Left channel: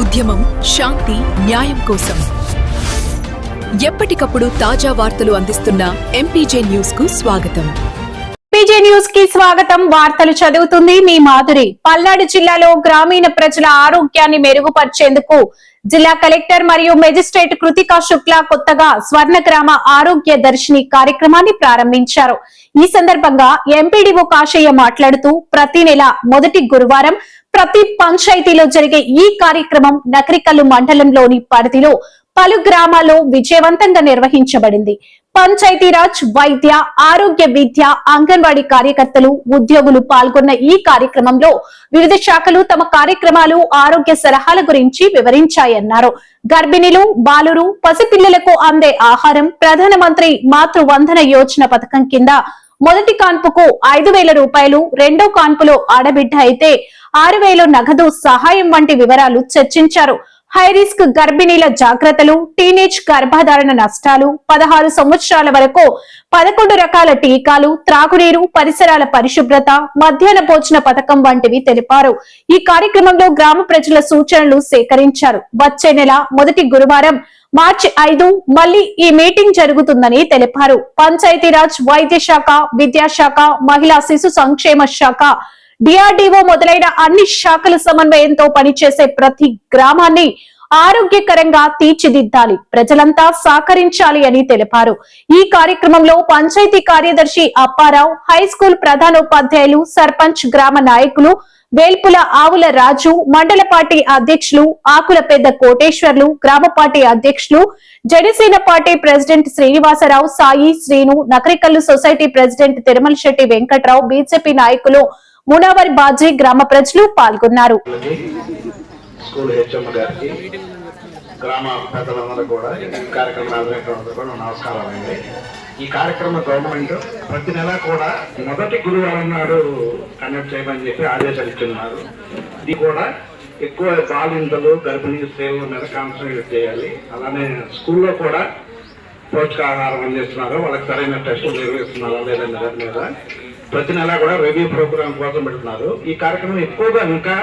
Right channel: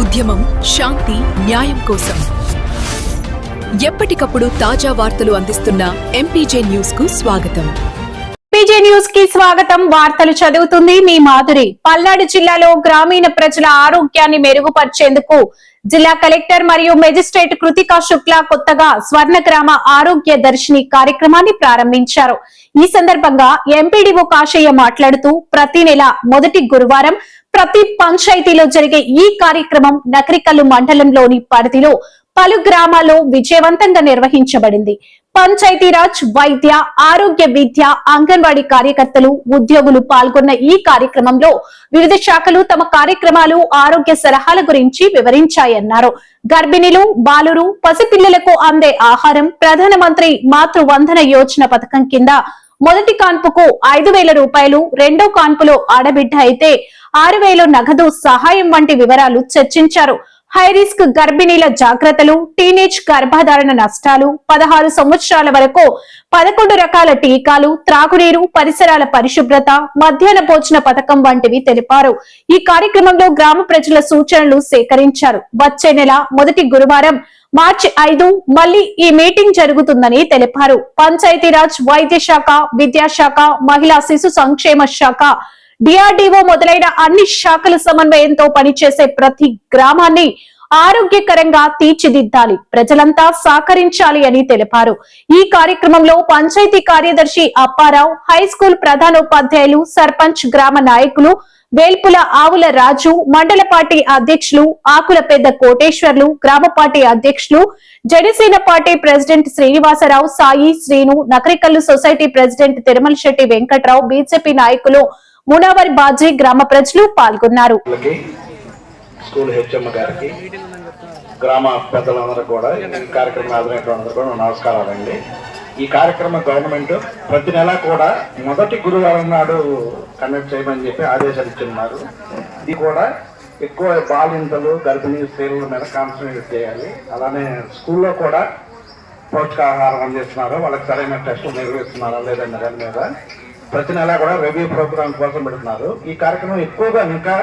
ఉద్యమం శాంతి న్యాయం కోసం. ఎప్పటికప్పుడు తాజా వార్తలు అందిస్తున్న ఎంపీజే న్యూస్కు స్వాగతం. న్యూస్కి స్వాగతం. వార్తలు చదువుతుంది మీ మాధురి. పల్నాడు జిల్లాలో గ్రామీణ ప్రజల ఆరోగ్యాన్ని మెరుగుపరిచేందుకు జిల్లా కలెక్టర్ మరియు మెజిస్ట్రేట్ కృతికా శుక్లా కొత్తగా స్వర్ణ గ్రామ ఆరోగ్య దర్శిని కార్యక్రమాన్ని ప్రారంభించారు. ఈ సందర్భంగా ఎంపీడీఓ కాశయ్య మాట్లాడుతూ ప్రతి నెల మొదటి గురువారం ప్రతి పంచాయతీలో జరిగే ఈ కార్యక్రమం నకరికల్లు మండలంలోని పరిధిలో పలు గ్రామాల్లో విజయవంతంగా నిర్వహించబడింది. పంచాయతీరాజ్ వైద్య ఆరోగ్య విద్య అంగన్వాడీ కార్యకర్తలు ఉద్యోగులు పాల్గొన్న ఈ కార్యక్రమంలో వివిధ శాఖలు తమ కార్యక్రమాలు ఆరోగ్య సలహాల గురించి వివరించాయన్నారు. గర్భిణీలు బాలురు పసిపిల్లలకు అందే ఆహారం ప్రధానమంత్రి మాతృ వందన యోజన పథకం కింద మొదటి కాన్పుకు ఐదు వేల రూపాయలు రెండో కాన్పులో ఆడబిడ్డ అయితే ఆరు వేలు నగదు సహాయం వంటి వివరాలు చర్చించారు. హైరిస్క్ గర్భిణీల జాగ్రత్తలు టీనేజ్ గర్భధారణ నష్టాలు పదహారు సంవత్సరాల వరకు పదకొండు రకాల టీకాలు త్రాగునీరు పరిసరాల పరిశుభ్రత మధ్యాహ్న భోజన పథకం వంటివి తెలిపారు. ఈ కార్యక్రమంలో గ్రామ ప్రజల సూచనలు సేకరించారు. వచ్చే నెల మొదటి గురువారం మార్చి ఐదు మళ్ళీ ఈ మీటింగ్ జరుగుతుందని తెలిపారు. పంచాయతీరాజ్ వైద్య శాఖ విద్యాశాఖ మహిళా శిశు సంక్షేమ శాఖ డిఆర్డీఓ మొదలైన అన్ని శాఖల సమన్వయంతో పనిచేసే ప్రతి గ్రామాన్ని ఆరోగ్యకరంగా తీర్చిదిద్దాలి. ప్రజలంతా సహకరించాలి అని తెలిపారు. ఈ కార్యక్రమంలో పంచాయతీ కార్యదర్శి అప్పారావు హై స్కూల్ ప్రధానోపాధ్యాయులు సర్పంచ్ గ్రామ నాయకులు వేల్పుల ఆవుల రాజు మండల పార్టీ అధ్యక్షులు ఆకుల పెద్ద కోటేశ్వర్లు గ్రామ పార్టీ అధ్యక్షులు Janasena party president Srinivasarao Sai Srinu Nakarikallu society president Tirumala Setty Venkatrao BJP నాయకులు మునావరి బాజీ గ్రామ ప్రజలు పాల్గొన్నారు. స్కూల్ హెచ్ఎం గారికి గ్రామ పెద్దలందరూ కూడా ఈ కార్యక్రమం కూడా నమస్కారం ఈ కార్యక్రమం గవర్నమెంట్ ప్రతి నెల కూడా మొదటి గురువారం నాడు కండక్ట్ చేయమని చెప్పి ఆదేశాలు ఇస్తున్నారు ఇది కూడా ఎక్కువ బాలింతలు గర్భిణీ స్త్రీల మీద కాన్సన్ట్రేట్ చేయాలి. అలానే స్కూల్లో కూడా పోషకాహారం అందిస్తున్నారు. వాళ్ళకి సరైన టెస్టులు నిర్వహిస్తున్నారా లేదన్న మీద ప్రతి నెల కూడా రివ్యూ ప్రోగ్రామ్ కోసం పెడుతున్నారు. ఈ కార్యక్రమం ఎక్కువగా ఇంకా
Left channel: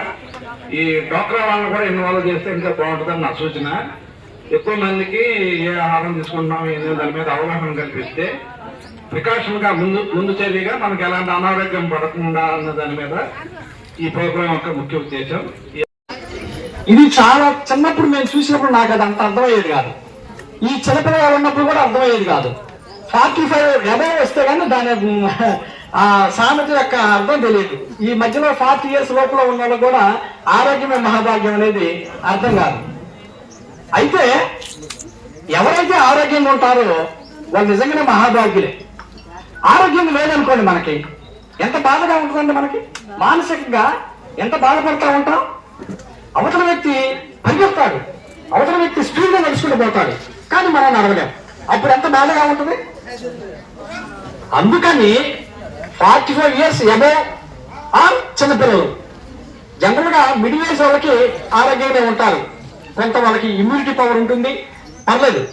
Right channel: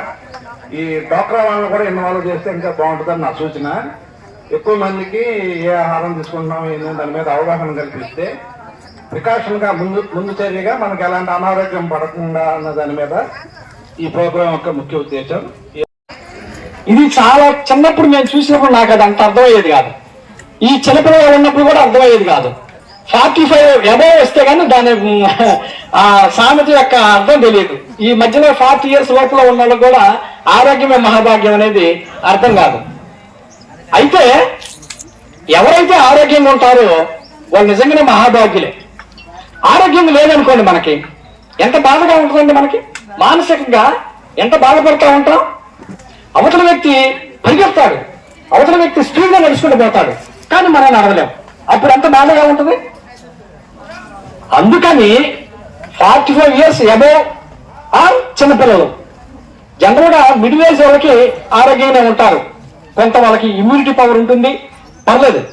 ఈ డోక్రా వాళ్ళని కూడా ఇన్వాల్వ్ చేస్తే ఇంకా బాగుంటుందని నా సూచన. ఎక్కువ మందికి ఏ ఆహారం తీసుకుంటున్నాం ఏంటంటే దాని మీద అవగాహన కల్పిస్తే ప్రికాషన్గా ముందు ముందు చర్యగా మనకు ఎలాంటి అనారోగ్యం పడకుండా అన్న దాని మీద ఈ ప్రోగ్రాం యొక్క ముఖ్య ఉద్దేశం. ఇది చాలా చిన్నప్పుడు నేను చూసినప్పుడు నాకు అది అంత అర్థమయ్యేది కాదు. ఈ చిన్నపిల్లలు ఉన్నప్పుడు కూడా అర్థమయ్యేది కాదు. ఫార్టీ ఫైవ్ ఎబో వస్తే కానీ దాని ఆ సామెత యొక్క అర్థం తెలియదు. ఈ మధ్యలో ఫార్టీ ఇయర్స్ లోపల ఉన్న కూడా ఆరోగ్యమే మహాభాగ్యం అనేది అర్థం కాదు. అయితే ఎవరైతే ఆరోగ్యంగా ఉంటారో వాళ్ళు నిజంగానే మహాభాగ్యులే. ఆరోగ్యం లేదనుకోండి మనకి. ఎంత బాధగా ఉంటుందండి మనకి? మానసికంగా ఎంత బాధపడతా ఉంటాం? అవతల వ్యక్తి పరిగెత్తాడు. అవతల వ్యక్తి స్పీడ్గా నడుచుకుంటూ పోతాడు. కానీ మనం నడవలేము అప్పుడు ఎంత బాధగా ఉంటుంది? అందుకని ఫార్టీ ఫైవ్ ఇయర్స్ ఎబో ఆ చిన్నపిల్లలు. జనరల్గా మిడిల్ ఏజ్ వాళ్ళకి ఆరోగ్యంగా ఉంటారు. కొంత వాళ్ళకి ఇమ్యూనిటీ పవర్ ఉంటుంది. పర్లేదు.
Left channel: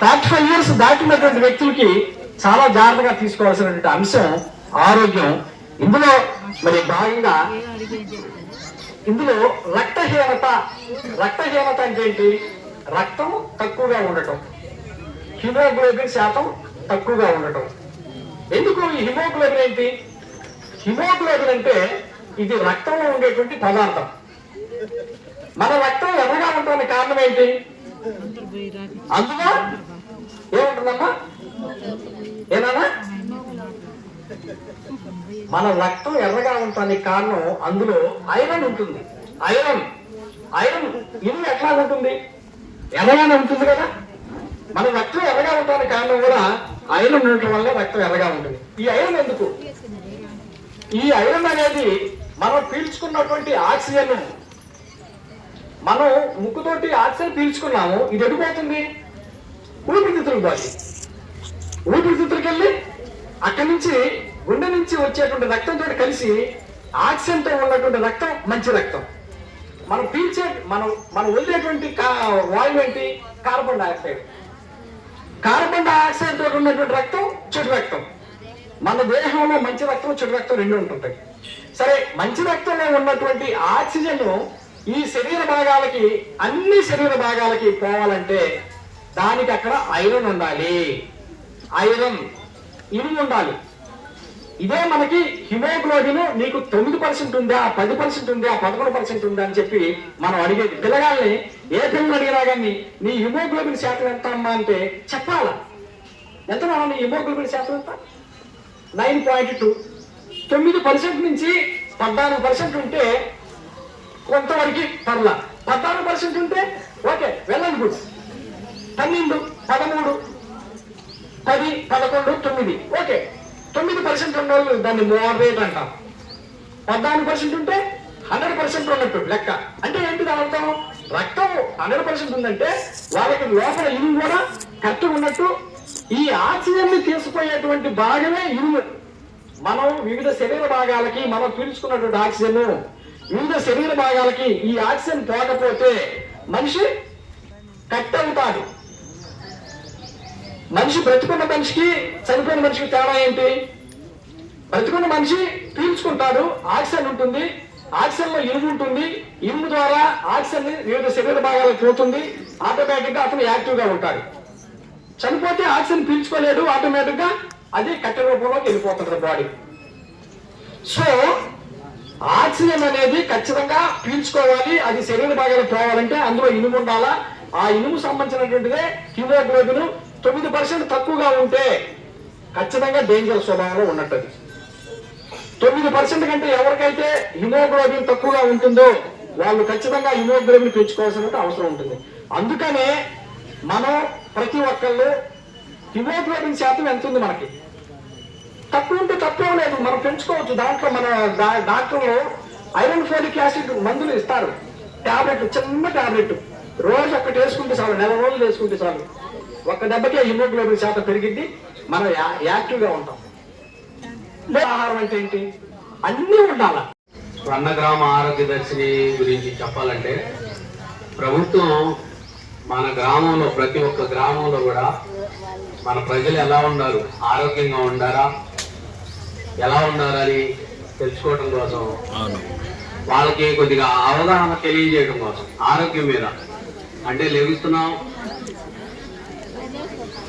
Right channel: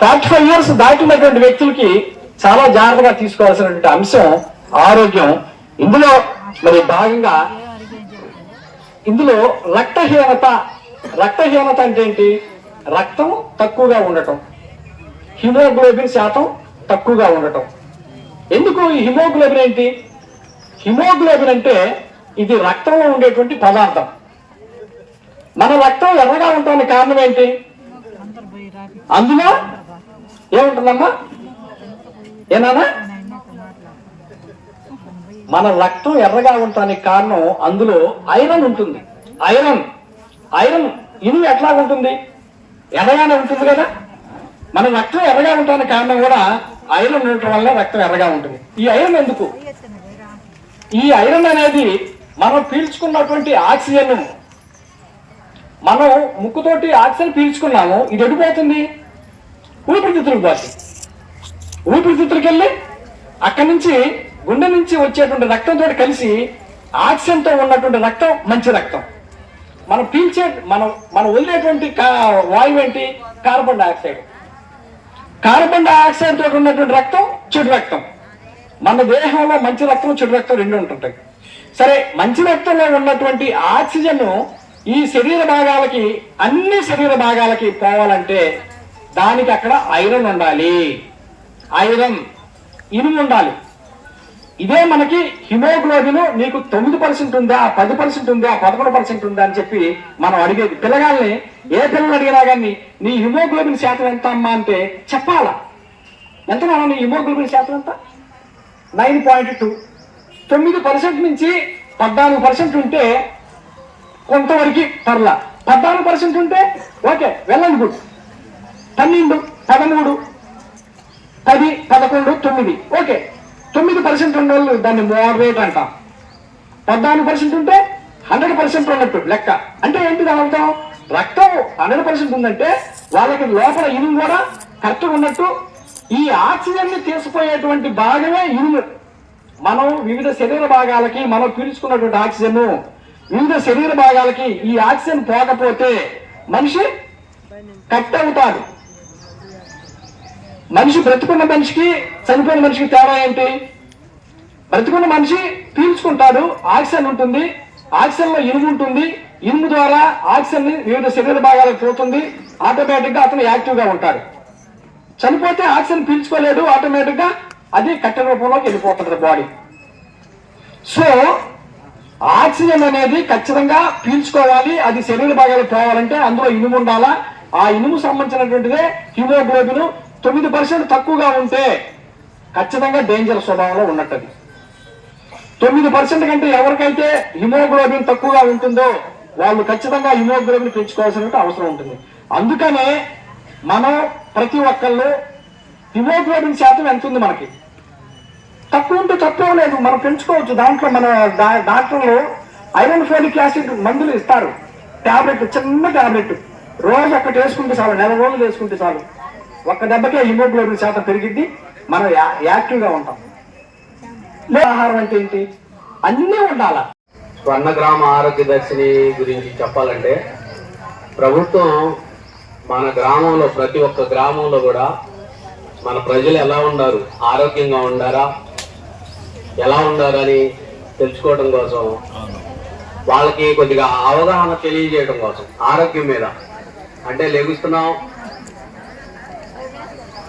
ఫార్టీ ఫైవ్ ఇయర్స్ దాటినటువంటి వ్యక్తులకి చాలా జాగ్రత్తగా తీసుకోవాల్సినటువంటి అంశం ఆరోగ్యం. ఇందులో మరి భాగంగా ఇందులో రక్తహీనత రక్తహీనత అంటే ఏంటి? రక్తం తక్కువగా ఉండటం. హిమోగ్లోబిన్ శాతం తక్కువగా ఉండటం. ఎందుకు ఈ హిమోగ్లోబిన్ ఏంటి? హిమోగ్లోబిన్ అంటే ఇది రక్తంలో ఉండేటువంటి పదార్థం. మన రక్తం ఎర్రగా ఉండడానికి కారణం ఏంటి? అందులో ఏముంటుందమ్మా? ఏనానా? మన రక్తం ఎర్రగా ఉండటానికి కారణం అందులో ఐరన్ ఉంటుంది. ఐరన్. ఐరన్ ఇనుము ఎట్లా ఉంటుంది? ఎర్రగానే ఉంటుంది కదా. మన రక్తం ఎర్రగా ఉండటానికి కారణం కూడా ఐరన్ ఉండటం వల్ల రక్తం ఎర్రగా ఉంటుంది. ఈ ఐరన్ ఎందుకు? ఈ ఐరన్ అనేది మనం పీల్చుకున్నటువంటి ఆక్సిజన్. మనం ముక్కుతోటి ఆక్సిజన్ పీల్చుకున్నాము ఇది ఎడిపోతుంది ఊపిరితిత్తులకు పోతుంది. ఊపిరితిత్తులకు వెళ్ళి అక్కడి నుంచి గుండె నుంచి వచ్చేటువంటి రక్తంతో కలిసి ఆక్సిజన్తో ఉన్నటువంటి రక్తం మంచి రక్తం. మనం పీల్చే మనం మనం వదిలేటువంటి కా- వాయువు ఏంటి? Carbon dioxide. కార్బన్ డైఆక్సైడ్ తోటి ఉన్నటువంటి రక్తం చెడు రక్తం. మన దేహంలో మంచి రక్తం చెడు రక్తం రెండు ఉంటుంటాయి. సరే మంచి రక్తంలో ఉన్నటువంటి ఆక్సిజన్ ఈ శరీర భాగాలకి అన్ని శరీర భాగాలకి పోవాలంటే దానికి అక్కడ ఐరన్ ఉండాలి. ఐరన్ ఇనుము ఉండాలి. ఇదే మనకి హిమోగ్లోబిన్ నీకు తొమ్మిది పర్సెంట్ ఉందా పది పర్సెంట్ ఉందా పదకొండు పర్సెంట్ ఉందా అని చెప్పి మనం అడిగేది. పిల్లగాల్ని ఏ పిల్లలు అడిగినా కానీ నీ హిమోగ్లోబిన్ శాతం ఎంత అమ్మా అంటే చెప్పాలా? ఎంత నీ హిమోగ్లోబిన్ శాతం ఎంత? Nine point two. తొమ్మిది పర్సెంట్ నుంచి పద్నాలుగు పర్సెంట్ ఉంటే కొంతవరకు పర్లా. పద్నాలుగు పర్సెంట్ ఉంటే ఓకే వెళ్ళండి గుడ్ పన్నెండు పదమూడు పది పదకొండు తొమ్మిది. ఓకే. పర్సెంట్ ఉన్న వాళ్ళు దాన్ని మోడరేట్ అంట. పద్నాలుగు పర్సెంట్ ఉంటే హండ్రెడ్ పర్సెంట్ ఉన్నట్టు లెక్క. అంటే ఏంటి దాని అర్థం? రక్తం హండ్రెడ్ పర్సెంట్ ఉందంటే వాళ్ళకి లోపల ఇనుము కూడా కరెక్ట్గా ఉన్నట్టు ఈ ఆక్సిజన్ని తీసుకుపోయేటువంటి భాగమే ఇనుము. మనం వివిధ శరీర భాగాలకి మనం పీల్చుకున్నటువంటి ఆక్సిజన్ వివిధ శరీర భాగాలకి ఈ ఆక్సిజన్ పోకపోతే మనిషి కట్ అవుతాడు. మనిషి బ్రతుకున్న మనిషికి చనిపోయిన మనిషికి తేడా ఏంటి? బ్రతుకున్న మనిషి పీల్చుకుంటాడు ఆక్సిజన్ ఉంటుంది ఆక్సిజన్లో ఇనుము ఉంటుంది ఇనుము ద్వారా ఆక్సిజన్ని వివిధ శరీర భాగాలకు పోతుంది ఆటోమేటిక్గా అతను యాక్టివ్గా ఉంటాడు. చనిపోతే ఆక్సిజన్ పీల్చుకోలేడు ఆటోమేటిక్గా అది కట్టెల రూపంలోకి వెళ్ళిపోతుంది బాడీ. సో ఆక్సిజన్ అనేది ఖచ్చితంగా పీల్చుకోవాలి అది శరీర భాగాలకు పోవాలంటే అందులో ఇనుము ఉండాలా? ఆ ఇనుము సంబంధించినటువంటిదే హిమోగ్లోబిన్ తొమ్మిది పర్సెంట్ తక్కువగా ఉంటే ఖచ్చితంగా డేంజర్ స్వభావంలో ఉన్నట్టు తొమ్మిది పర్సెంట్ కంటే ఎవరికైతే హిమోగ్లోబిన్ తక్కువగా ఉంటుందో వాళ్ళు ఖచ్చితంగా హిమోగ్లోబిన్ పెంచుకోవాల్సిన అవసరం ఉంటుంది. అందుకనే మనం ప్రతి ఒక్కళ్ళు హిమోగ్లోబిన్ శాతం ఎంత ఉంది మనకి? తక్కువ ఉంటే తక్కువ లేదు మనం పెంచుకోవచ్చు. దాంట్లో మన డాక్టర్లు ఐరన్ ఫోలిక్ యాసిడ్ మందులు ఇస్తారు. టాబ్లెట్ చిన్న టాబ్లెట్. రోజు ఒక్కటి వేసుకుంటే చాలు నెల రోజులు వేసుకుంటే చాలు. ఒక్క దెబ్బకే హిమోగ్లోబిన్ శాతం పెరిగిద్ది. మనం యా- యాక్టివ్గా ఉంటాం. ఆహారం అంటే ఏంటి? అన్నీ ఉండాలా? స్వర్ణ గ్రామ ఆరోగ్య దర్శిని గురించి చెప్పాలంటే ప్రభుత్వం మన గ్రామంలో ప్రతి ఒక్క గ్రామంలో కూడా మన ప్రజలు ఎలా ఉన్నారు? ఆరోగ్యంగా ఉండారా? ఎలా ఉండారని తెలుసుకోవడం కోసం వాళ్ళకి కొద్దిగా అవగాహన తెలియజేయడం కోసం ఆరోగ్యం మీద. అంటే లెగుస్తున్నాం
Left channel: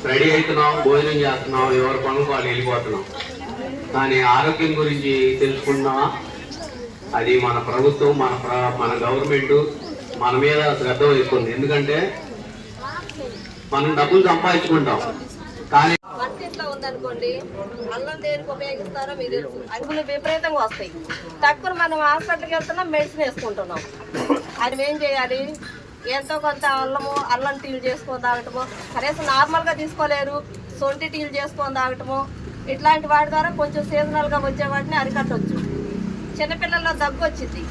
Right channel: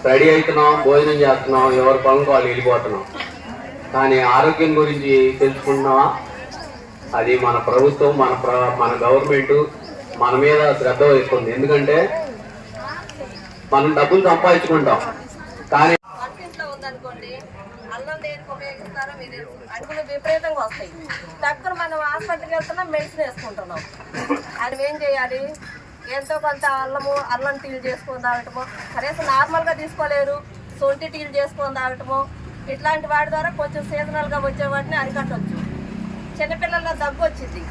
రెడీ అవుతున్నాం భోజనం చేస్తున్నాం ఎవరి పనులకు వాళ్ళు వెళ్ళిపోతున్నాం. కానీ ఆరోగ్యం గురించి తెలుసుకుంటున్నావా? అది మన ప్రభుత్వం మన మన గవర్నమెంట్ మన మీద శ్రద్ధ వహిస్తుంది. ఎందుకంటే మనం డబ్బులు సంపాదించుకుంటాం. కానీ వంటింట్లో ఉందనుకోండి అల్లం దేనికి ఉపయోగిస్తారో మీకు తెలుసు. విపరీతంగా వస్తాయి. తక్కువ మనం హాస్పిటల్కి వెళ్తున్నాం మెడిసిన్ వేసుకుంటున్నాం. అది ఏం చేయాలి? ఎంతో కొంత అల్లము అల్లం టీలు చేసుకొని తాగటము. కనీసం నార్మల్గా తీసుకోలేరు. సొంటి టీలు చేసుకొని తాగటము. ఇట్లాంటి వాటి ద్వారా కొంచెం సీజనల్గా వచ్చే వాటిని అరికట్టవచ్చు చిన్నపిల్లల్లో దగ్గు వచ్చింది.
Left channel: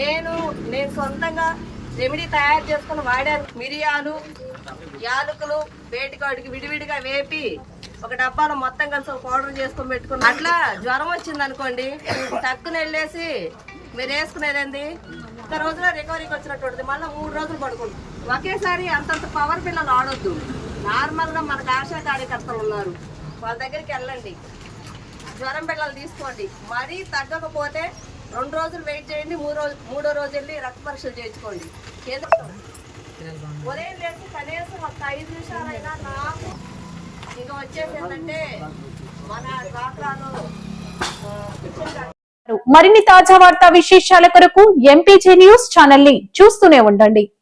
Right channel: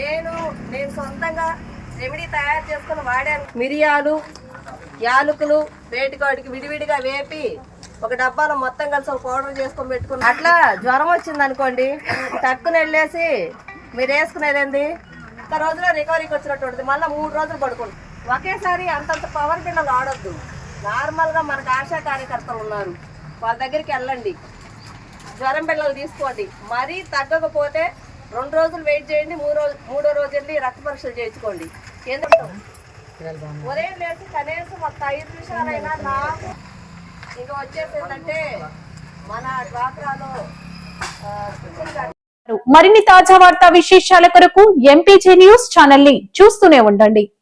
నేను నేను సొంతంగా రెమెడీ తయారు చేసుకుని వాడాను. మిరియాలు యాలకులు వేటికాడికి విడివిడిగా వేపి ఒక డబ్బాలో మొత్తం కలిసి ఒక పౌడర్ చేసుకొని పెట్టుకుని అట్లా జ్వరం వచ్చింది అనుకోండి టక్కున వెళ్ళేసి మీరు వేసుకునేది ఏంది? ఒక రోజులో రికవరీకి వచ్చినట్టు ఉంటుంది. మళ్ళీ మూడు రోజులు పడుకోండి ఒకేసారి అంతంత పవర్ పిల్లలు ఆడొద్దు. నార్మల్గా మనకు ఆశా కార్యకర్తలు ఉన్నారు. వాళ్ళ దగ్గరికి వెళ్ళండి. జ్వరం పిల్లలు తీసుకోండి. మరీ తగ్గకపోతే రెండు రోజులు వెయిట్ చేయండి మూడు రోజు మూడో రోజు వెళ్ళి రక్త పరీక్షలు చేయించుకోండి. ఉదయం లేచి కనీసం ఒక ఐదు నిమిషాలైనా నాకు ఇంకా వచ్చేసి ఏంటంటే మన డ్వాక్రాలో మరిన్ని తాజా వార్తా విశేషాల కొరకు ఎంపీజీ న్యూస్ ఛానల్ని చూస్తూనే ఉండండి.